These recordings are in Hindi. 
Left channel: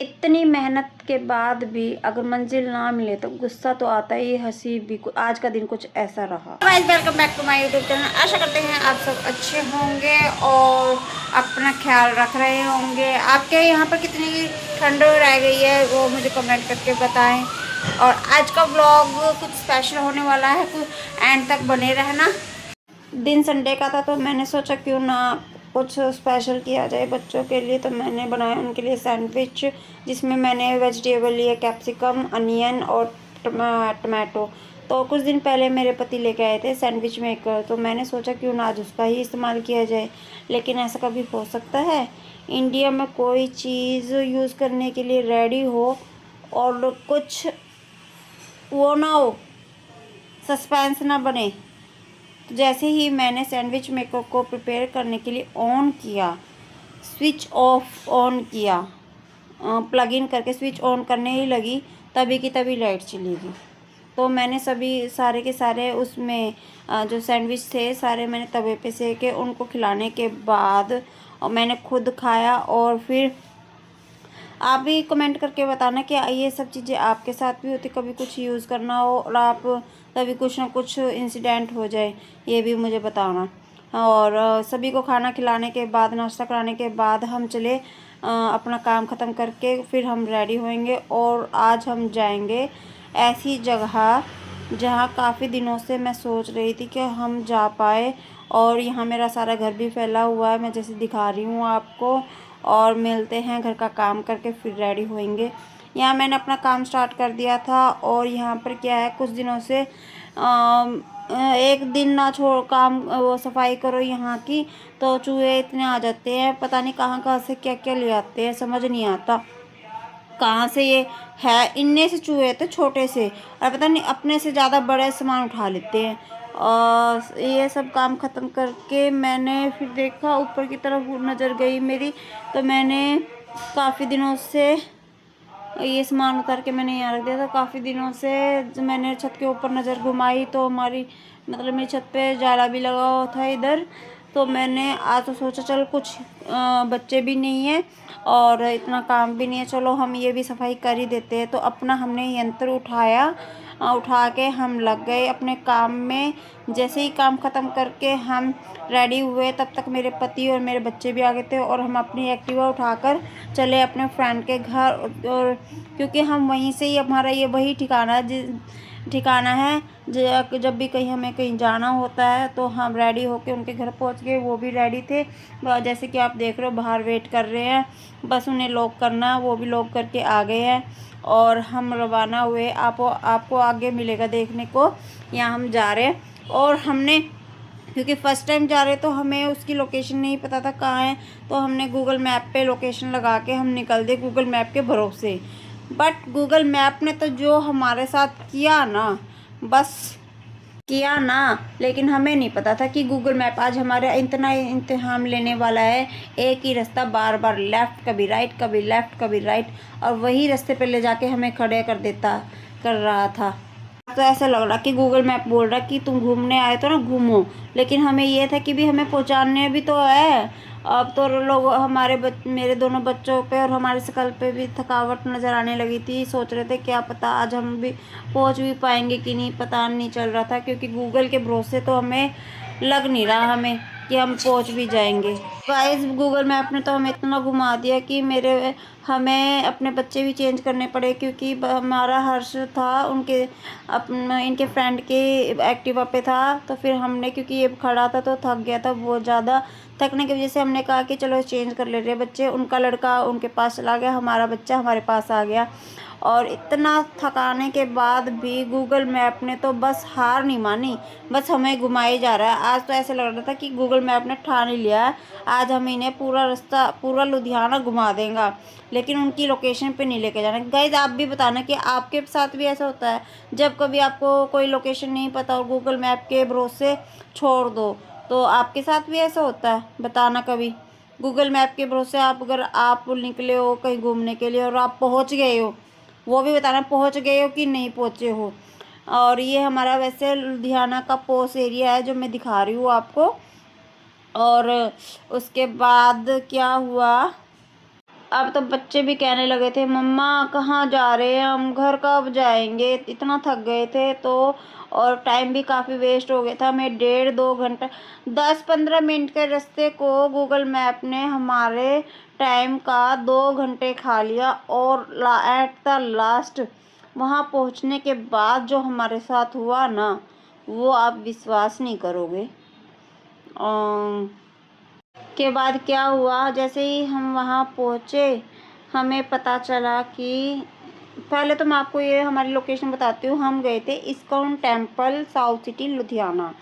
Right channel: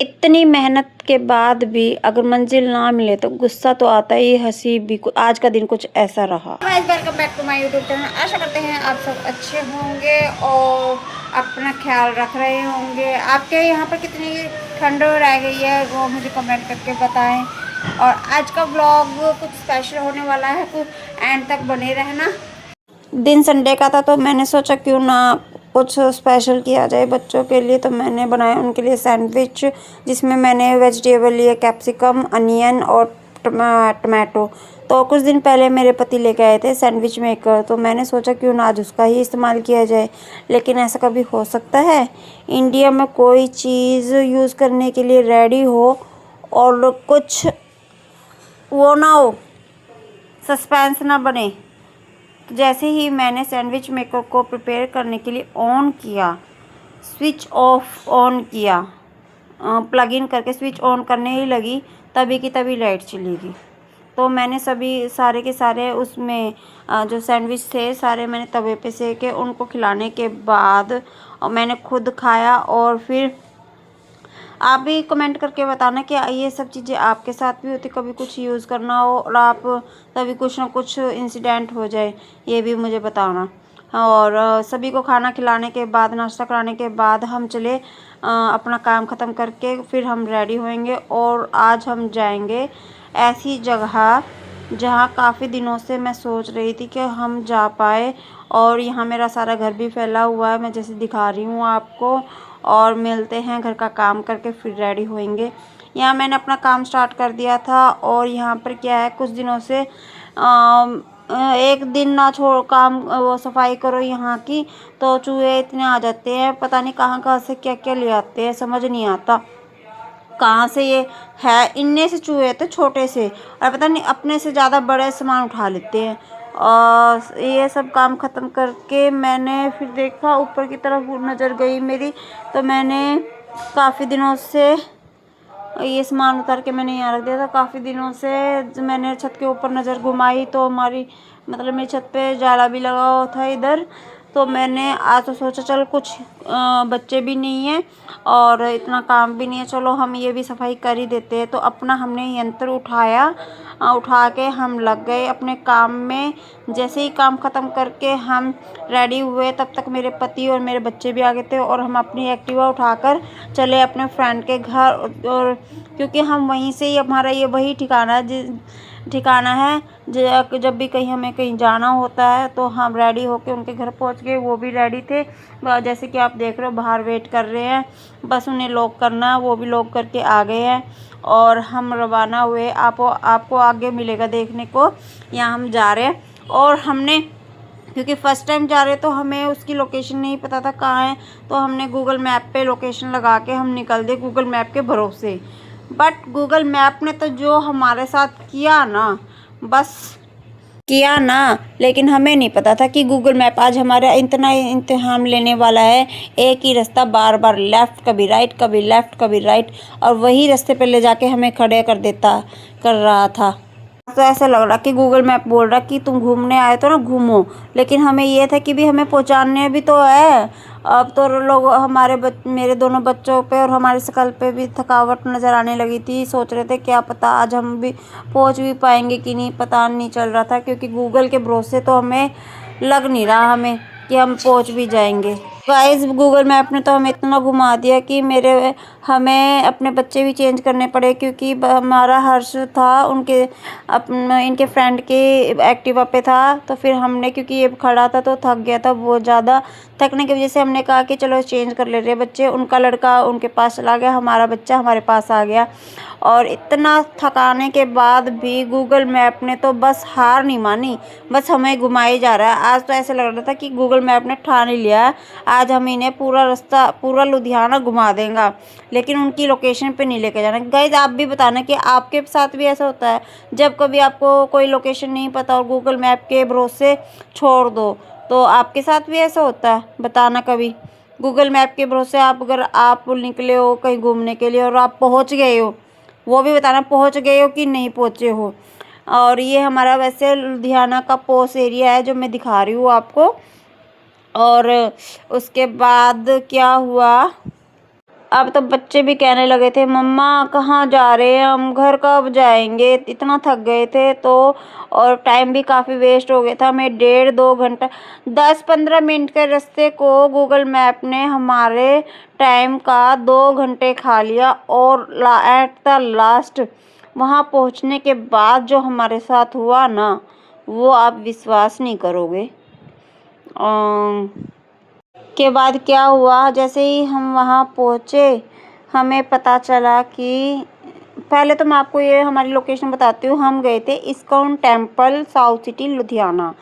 इतनी मेहनत के बाद भी अगर मंजिल ना मिले तो गुस्सा तो आता ही, हंसी भी। आज का दिन कुछ ऐसा रहा। Guys, welcome back to my YouTube channel. आशा करते हैं आप सब अच्छे होंगे और अपना ख्याल रख रहे होंगे। आपके यहाँ पर कितनी ठंड रह गई है वो मुझे कमेंट करके बताएं। और आज का व्लॉग कुछ स्पेशल होने वाला है, कुछ एंड तक बने रहना। दिन संडे का था तो मैंने सोचा क्यों ना कुछ स्पेशल किया जाए बच्चों के लिए। तो मैंने बनाया उनके लिए सैंडविच, जिसमें मैंने वेजिटेबल लिए, कैप्सिकम, अनियन और टमाटो। तो कुछ दिन पहले मेरे पति लेके आए थे सैंडविच मेकर, तो मैंने सोचा क्यों ना आज उसका ही इस्तेमाल किया जाए। लेकिन ऐसा कभी हो सकता है इंडिया में कोई चीज़ यूज़ करने के लिए रेडी हो और कुछ वो ना हो, सस्पेंस ना बने। तो जैसे ही मैंने सैंडविच मेकर को प्रिपेयर करने के लिए ऑन किया, स्विच ऑफ ऑन किया, प्लग इन करके स्विच ऑन करने ही लगी, तभी की तभी लाइट चली गई। तो मैंने सभी सारे के सारे उसमें जो सैंडविच थे सारे मैंने तवे पे सेके, उनको खिलाने के बाद और मैंने खुद खाया। और फिर आप भी कमेंट करके बताना कि ये सब चीज़ें आपके साथ भी होती, कभी कुछ यूज़ करना हो और आप तभी कुछ ना कुछ इंसिडेंट हो जाए, ये भी मुझे बताना। और सभी को खाना खिलाने के बाद, नाश्ता कराने के बाद हम चले अपना काम ख़त्म करके, फिर हम रेडी होएंगे और आज हम जाएंगे ऐसी जगह जहाँ काफ़ी दिनों से मैं सोच रही थी कि हम जा पाए। और यहाँ मेरा सारा घर भी फैला हुआ है, मैं जैसे दिखा रही हूँ आपको। और मिलते हैं, घर का काम करके फिर रेडी होएंगे। यहाँ मैंने अपना काम स्टार्ट कर दिया था। और यहाँ पर क्या है, कुछ दिनों से एक दिन ना छोड़ काम वो सफाई करो यहाँ की तो चूहे इतने आ जाते हैं, पता नहीं कहाँ कहाँ से क्या क्या ले आते हैं, समझ नहीं आता कहाँ से ये है। इनने से चूहे थे छोटे से, और पता नहीं अपने से ज़्यादा बड़े सामान उठा लेते हैं। और ये सब काम ख़त्म करके मैंने फिर देखा, ऊपर की तरफ नज़र गई मेरी, तो मैंने काफ़ी दिनों से ये सामान उतार के मैंने यहाँ रख दिया था। काफ़ी दिनों से मैंने छत के ऊपर नज़र घुमाई तो हमारी मतलब मेरी छत पे जाला भी लगा हुआ था इधर। तो मैंने आज तो सोचा चल कुछ बच्चे भी नहीं हैं और इतना काम भी नहीं है, चलो हम ये भी सफाई कर ही देते हैं। तो अपना हमने यंत्र उठाया, उठा के हम लग गए अपने काम में। जैसे ही काम ख़त्म करके हम रेडी हुए तब तक मेरे पति और मेरे बच्चे भी आ गए थे और हम अपनी एक्टिवा उठाकर चले अपने फ्रेंड के घर। और क्योंकि हम वहीं से ही, हमारा ये वही ठिकाना है जब भी कहीं हमें कहीं जाना होता है तो हम रेडी होके उनके घर पहुंच गए। वो भी रेडी थे, जैसे कि आप देख रहे हो बाहर वेट कर रहे हैं, बस उन्हें लॉक करना, वो भी लॉक करके आ गए हैं। और हम रवाना हुए, आपको आगे मिलेगा देखने को। यहाँ हम जा रहे हैं और हमने, क्योंकि फ़र्स्ट टाइम जा रहे तो हमें उसकी लोकेशन नहीं पता था कहाँ है, तो हमने गूगल मैप पे लोकेशन लगा के हम निकल दिए गूगल मैप के भरोसे। बट गूगल मैप ने तो जो हमारे साथ किया ना, बस किया ना। लेकिन हमें नहीं पता था कि गूगल मैप आज हमारा इतना इम्तिहान लेने वाला है। एक ही रास्ता बार बार लेफ़्ट, कभी राइट, कभी लेफ़्ट, कभी राइट, और वही रास्ते पे ले जाके हमें खड़े कर रहा था। तो ऐसा लग रहा कि गूगल मैप बोल रहा कि तुम घूमने आए तो ना घूमो, लेकिन हमें ये था कि भी हमें पहुंचाने भी तो है। अब तो लोग मेरे दोनों बच्चों पे और हमारी शकल पे भी थकावट नज़र आने लगी थी। सोच रहे थे क्या पता आज हम भी पहुंच भी पाएंगे कि नहीं, पता नहीं चल रहा था, क्योंकि गूगल के भरोसे तो हमें लग नहीं रहा हमें कि हम पहुंच भी जाएंगे। गाइस, गूगल मैप ने तो हमें इतना घुमा दिया कि हमें अपने बच्चे भी चेंज करने पड़े, क्योंकि हमारा हर्ष था इनके फ्रेंड के एक्टिवा पे था। तो फिर हमने, क्योंकि ये खड़ा था तो थक गया था बहुत ज़्यादा, थकने की वजह से हमने कहा कि चलो चेंज कर ले रहे हैं बच्चे। उनका लड़का उनके पास चला गया, हमारा बच्चा हमारे पास आ गया। और इतना थकाने के बाद भी गूगल मैप ने तो बस हार नहीं मानी, बस हमें घुमाई जा रहा है। आज तो ऐसा लग रहा था कि गूगल मैप ने ठान ही लिया है, आज हम इन्हें पूरा रास्ता, पूरा लुधियाना घुमा देंगे, लेकिन उनकी लोकेशन पे नहीं लेके जाना। गाइज, आप भी बताना कि आपके साथ भी ऐसा होता है जब कभी आपको कोई लोकेशन नहीं पता और गूगल मैप के भरोसे छोड़ दो, तो आपके साथ भी ऐसा होता है? बताना कभी। गूगल मैप के भरोसे अगर आप निकले हो कहीं घूमने के लिए और आप पहुंच गए हो, वो भी बताना पहुंच गए हो कि नहीं पहुंचे हो। और ये हमारा वैसे लुधियाना का पोस्ट एरिया है जो मैं दिखा रही हूँ आपको। और उसके बाद क्या हुआ, अब तो बच्चे भी कहने लगे थे, मम्मा कहाँ जा रहे हैं हम, घर कब जाएंगे, इतना थक गए थे तो। और टाइम भी काफ़ी वेस्ट हो गया था, मैं 1.5-2 घंटा 10-15 मिनट के रास्ते को गूगल मैप ने हमारे टाइम का 2 घंटे खा लिया। और एट द लास्ट वहाँ पहुँचने के बाद जो हमारे साथ हुआ ना, वो आप विश्वास नहीं करोगे। के बाद क्या हुआ, जैसे ही हम वहाँ पहुँचे हमें पता चला कि पहले तो मैं आपको ये हमारी लोकेशन बताती हूँ। हम गए थे ISKCON temple, south city Ludhiana.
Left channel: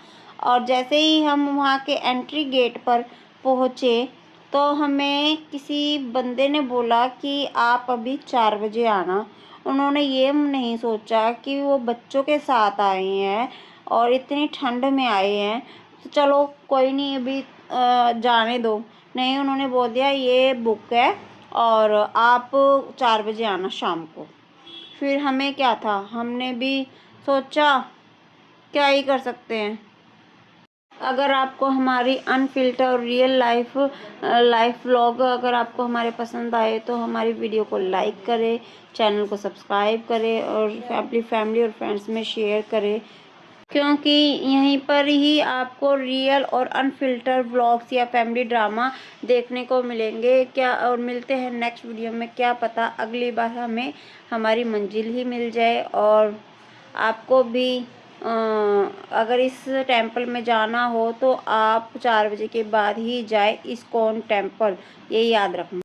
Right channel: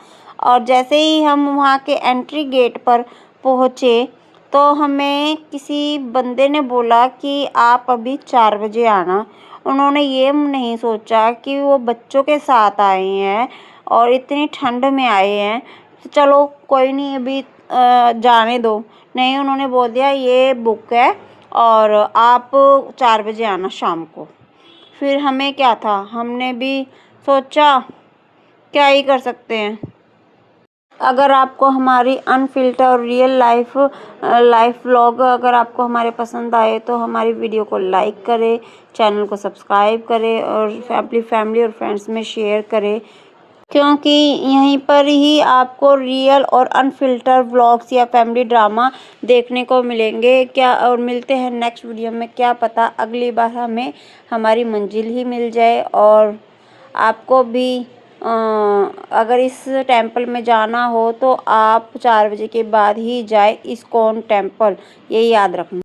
और जैसे ही हम वहाँ के एंट्री गेट पर पहुँचे तो हमें किसी बंदे ने बोला कि आप अभी 4 बजे आना। उन्होंने ये नहीं सोचा कि वो बच्चों के साथ आए हैं और इतनी ठंड में आए हैं, तो चलो कोई नहीं अभी जाने दो। नहीं, उन्होंने बोल दिया ये बुक है और आप 4 बजे आना शाम को। फिर हमें क्या था, हमने भी सोचा क्या ही कर सकते हैं। अगर आपको हमारी अनफिल्टर और रियल लाइफ व्लॉग अगर आपको हमारे पसंद आए तो हमारी वीडियो को लाइक करें, चैनल को सब्सक्राइब करें और अपनी फैमिली और फ्रेंड्स में शेयर करें, क्योंकि यहीं पर ही आपको रियल और अनफिल्टर व्लॉग्स या फैमिली ड्रामा देखने को मिलेंगे। क्या और मिलते हैं नेक्स्ट वीडियो में, क्या पता अगली बार हमें हमारी मंजिल ही मिल जाए। और आपको भी अगर इस टेंपल में जाना हो तो आप 4 बजे के बाद ही जाए, इस्कॉन टेंपल, ये याद रखना।